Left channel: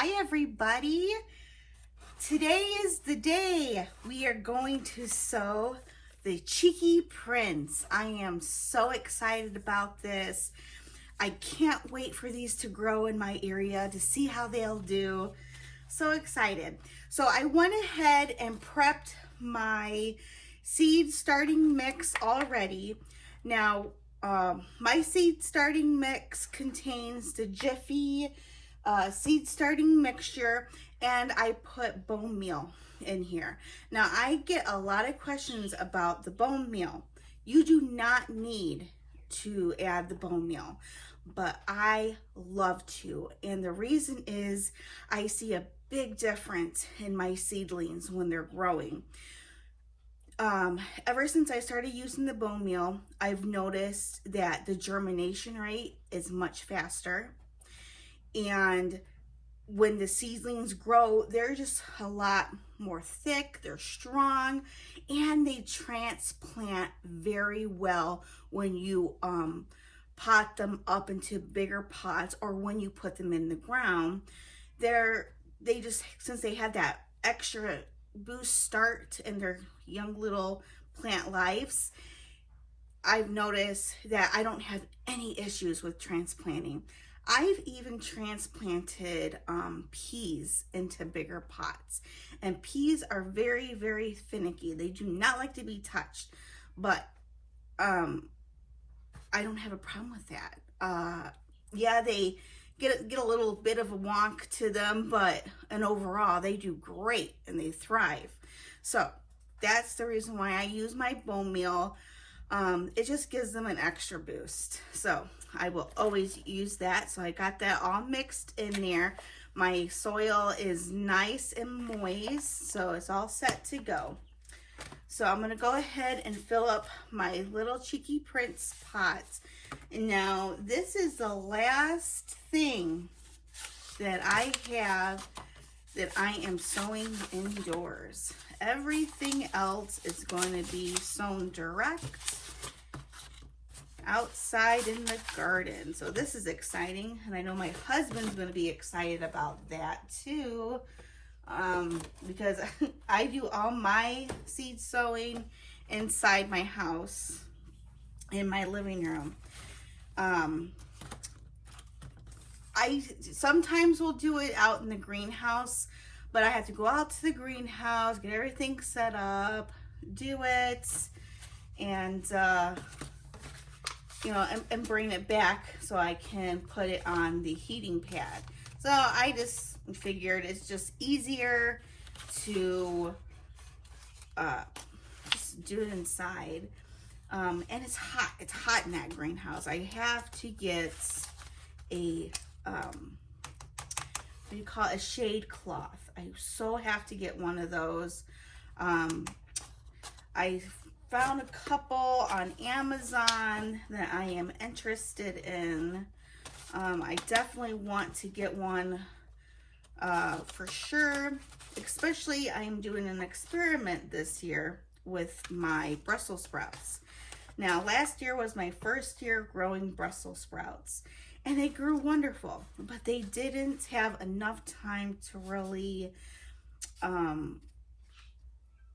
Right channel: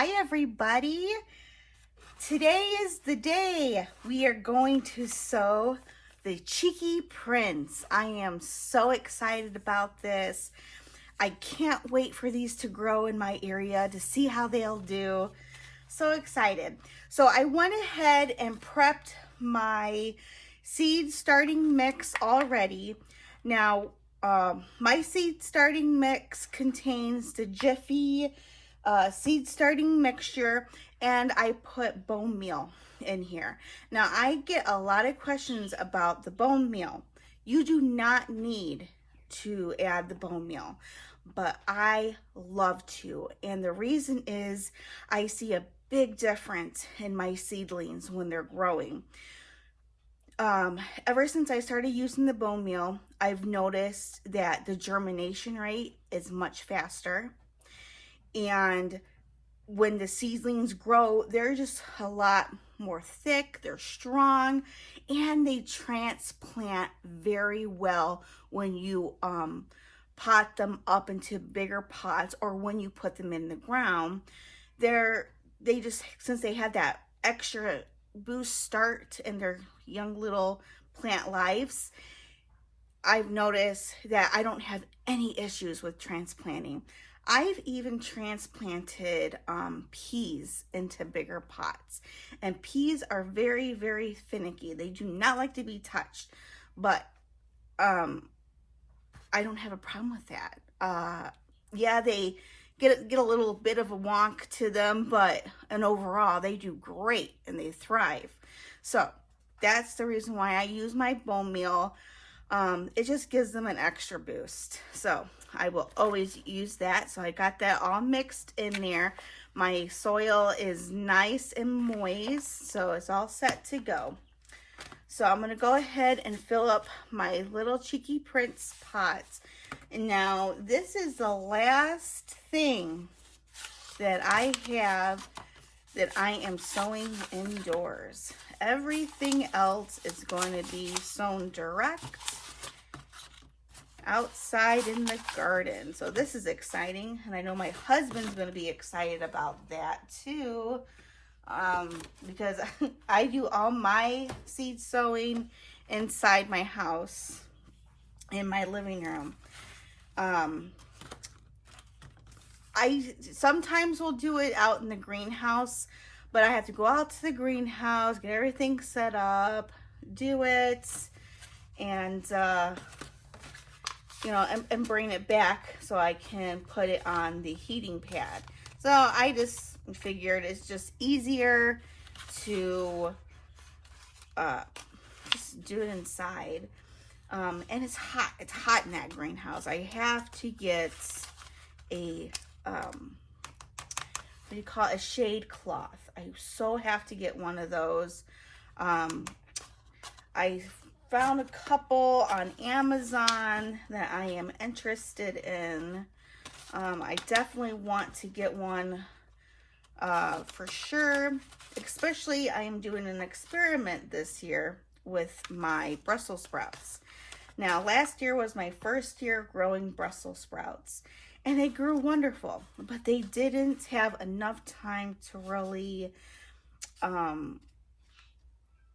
Hi everybody. Today is the day we are going to sow the Cheeky Prince. I am so excited about this. I can't wait for these to grow in my area to see how they'll do. So excited. So I went ahead and prepped my seed starting mix already. Now, my seed starting mix contains the Jiffy seed starting mixture, and I put bone meal in here. Now, I get a lot of questions about the bone meal. You do not need to add the bone meal, but I love to. And the reason is I see a big difference in my seedlings when they're growing. Ever since I started using the bone meal, I've noticed that the germination rate is much faster. And when the seedlings grow, they're just a lot more thick, they're strong, and they transplant very well when you pot them up into bigger pots or when you put them in the ground. They just, since they have that extra boost start in their young little plant lives, I've noticed that I don't have any issues with transplanting. I've even transplanted peas into bigger pots, and peas are very, very finicky. They do not like to be touched, but I don't have a problem with that. Yeah, they get a little bit of a wonk to them, but and overall they do great and they thrive. So that's the reason why I use my bone meal. It just gives them an extra boost. So I will always use that. So I got that all mixed in there. My soil is nice and moist, so it's all set to go. So I'm going to go ahead and fill up my little Cheeky Prince pots. And now this is the last thing that I have that I am sowing indoors. Everything else is going to be sown direct outside in the garden. So this is exciting, and I know my husband's going to be excited about that too, because I do all my seed sowing inside my house in my living room. I sometimes will do it out in the greenhouse, but I have to go out to the greenhouse, get everything set up, do it, and you know, and bring it back so I can put it on the heating pad. So I just figured it's just easier to just do it inside. And it's hot. It's hot in that greenhouse. I have to get a what do you call it? A shade cloth. I so have to get one of those. I found a couple on Amazon that I am interested in. I definitely want to get one for sure. Especially, I am doing an experiment this year with my Brussels sprouts. Now, last year was my first year growing Brussels sprouts, and they grew wonderful, but they didn't have enough time to really,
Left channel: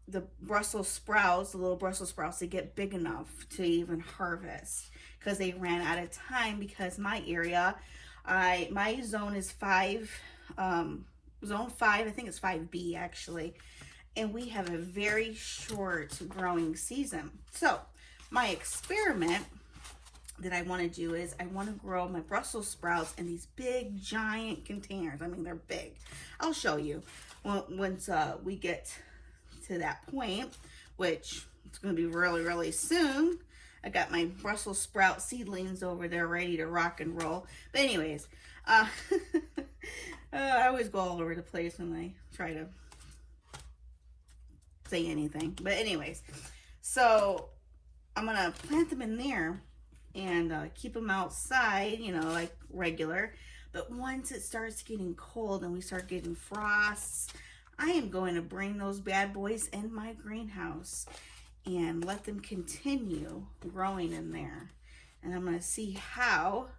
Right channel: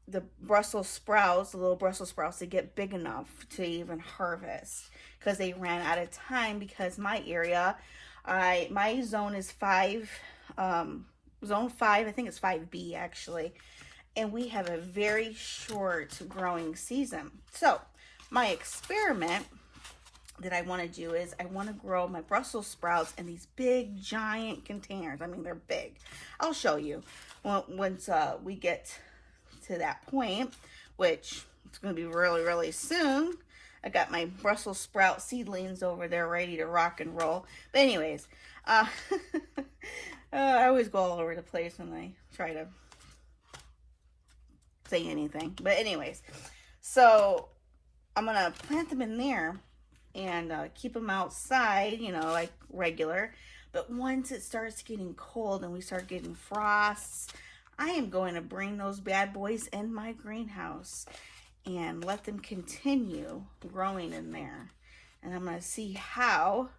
the Brussels sprouts, the little Brussels sprouts, to get big enough to even harvest, because they ran out of time. Because my area, my zone is zone 5, I think it's 5B actually, and we have a very short growing season. So my experiment that I want to do is I want to grow my Brussels sprouts in these big giant containers. I mean, they're big. I'll show you once we get to that point, which it's going to be really, really soon. I got my Brussels sprout seedlings over there ready to rock and roll. But anyways, I always go all over the place when I try to say anything. But anyways, so I'm going to plant them in there and keep them outside, you know, like regular. But once it starts getting cold and we start getting frosts, I am going to bring those bad boys in my greenhouse and let them continue growing in there. And I'm going to see how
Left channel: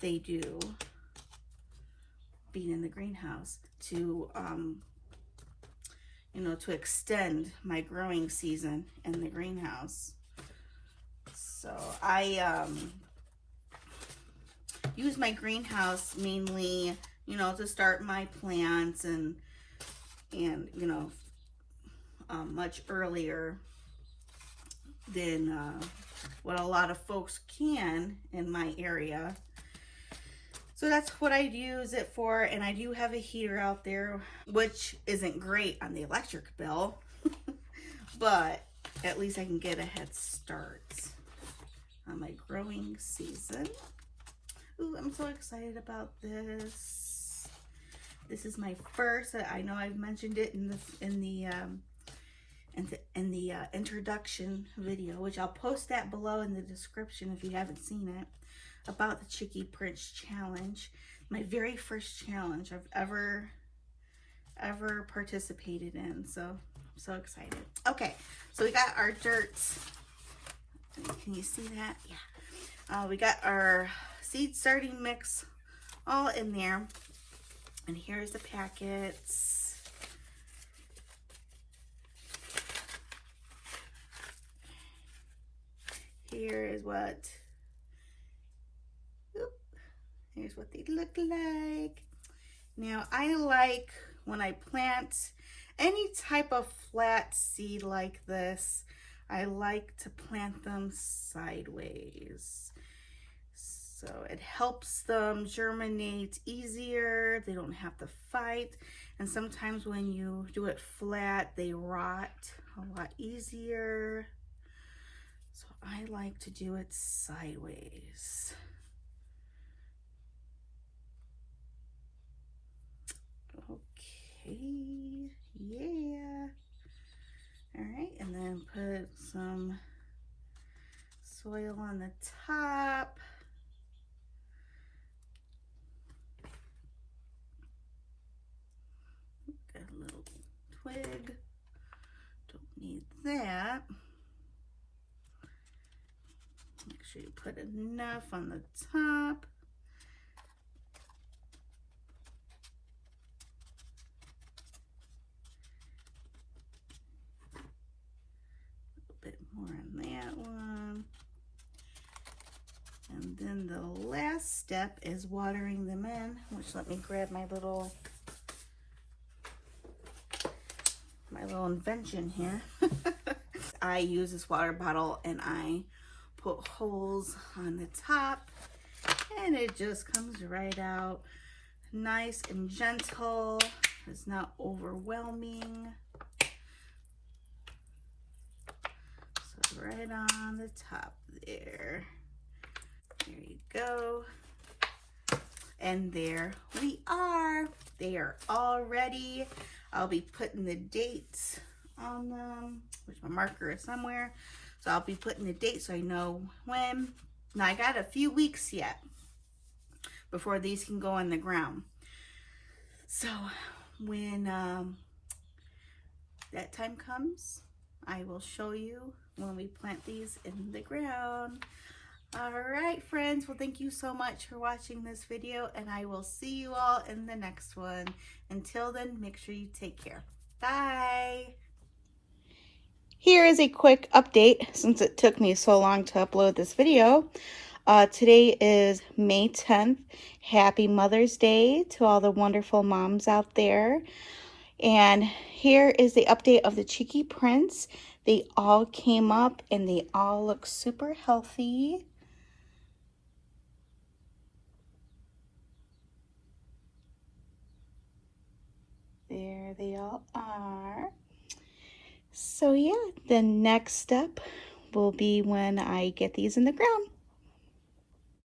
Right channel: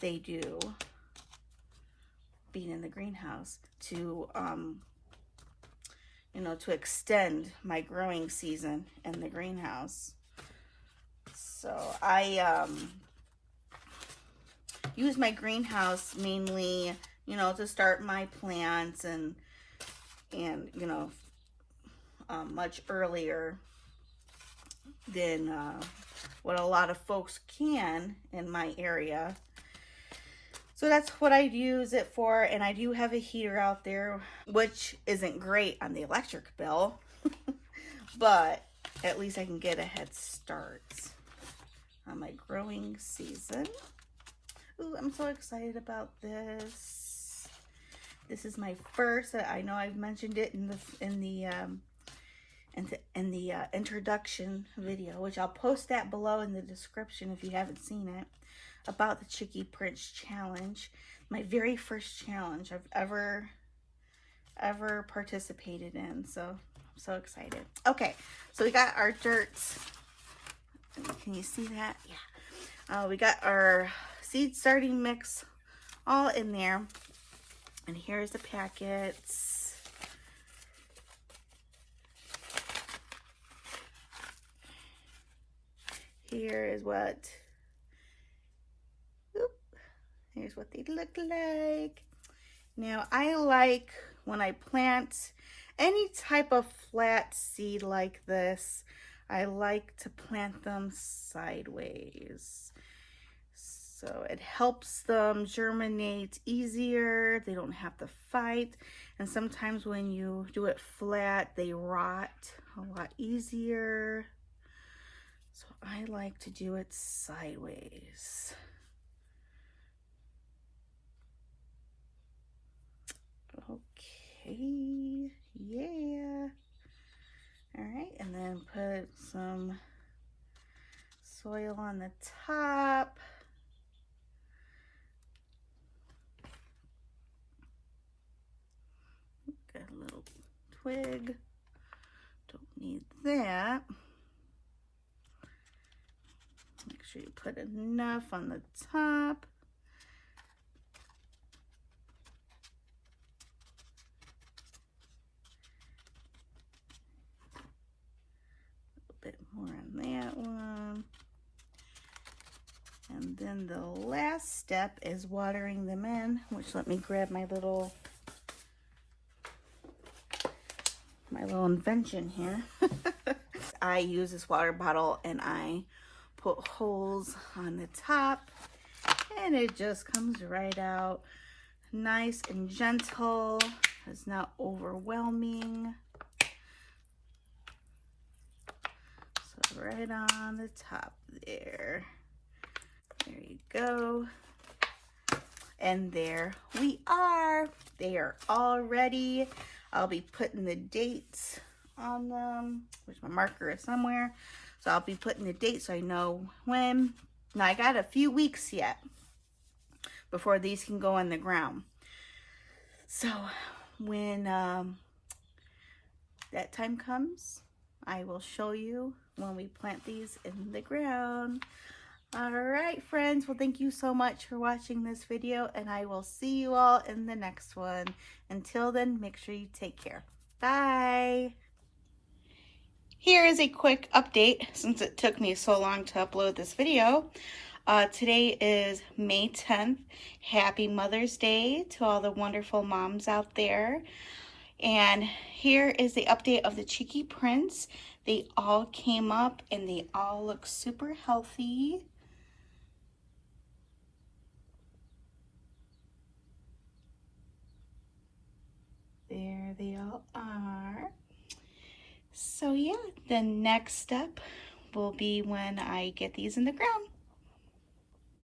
they do being in the greenhouse to, you know, to extend my growing season in the greenhouse. So I use my greenhouse mainly, you know, to start my plants and you know, much earlier than what a lot of folks can in my area. So that's what I use it for, and I do have a heater out there, which isn't great on the electric bill, but at least I can get a head start on my growing season. Ooh, I'm so excited about this. This is my first. I know I've mentioned it in the introduction video, which I'll post that below in the description if you haven't seen it, about the Chicky Prince challenge. My very first challenge I've ever participated in. So I'm so excited. Okay, so we got our dirt. Can you see that? Yeah. We got our seed starting mix all in there. And here's the packets. Here is what, here's what they look like. Now, I like when I plant any type of flat seed like this, I like to plant them sideways. So it helps them germinate easier. They don't have to fight. And sometimes when you do it flat, they rot a lot easier. So I like to do it sideways. Okay, yeah. All right, and then put some soil on the top. Got a little twig. Don't need that. Make sure you put enough on the top. A bit more on that one. And then the last step is watering them in, which, let me grab my little invention here. I use this water bottle and I put holes on the top, and it just comes right out nice and gentle. It's not overwhelming. So right on the top there. There you go. And there we are. They are all ready. I'll be putting the dates on them, which my marker is somewhere. So I'll be putting the date so I know when. Now I got a few weeks yet before these can go in the ground. So when that time comes, I will show you when we plant these in the ground. All right, friends. Well, thank you so much for watching this video, and I will see you all in the next one. Until then, make sure you take care. Bye. Here is a quick update since it took me so long to upload this video. Today is May 10th. Happy Mother's Day to all the wonderful moms out there. And here is the update of the Chicky Prince. They all came up and they all look super healthy. There they all are. So yeah, the next step will be when I get these in the ground.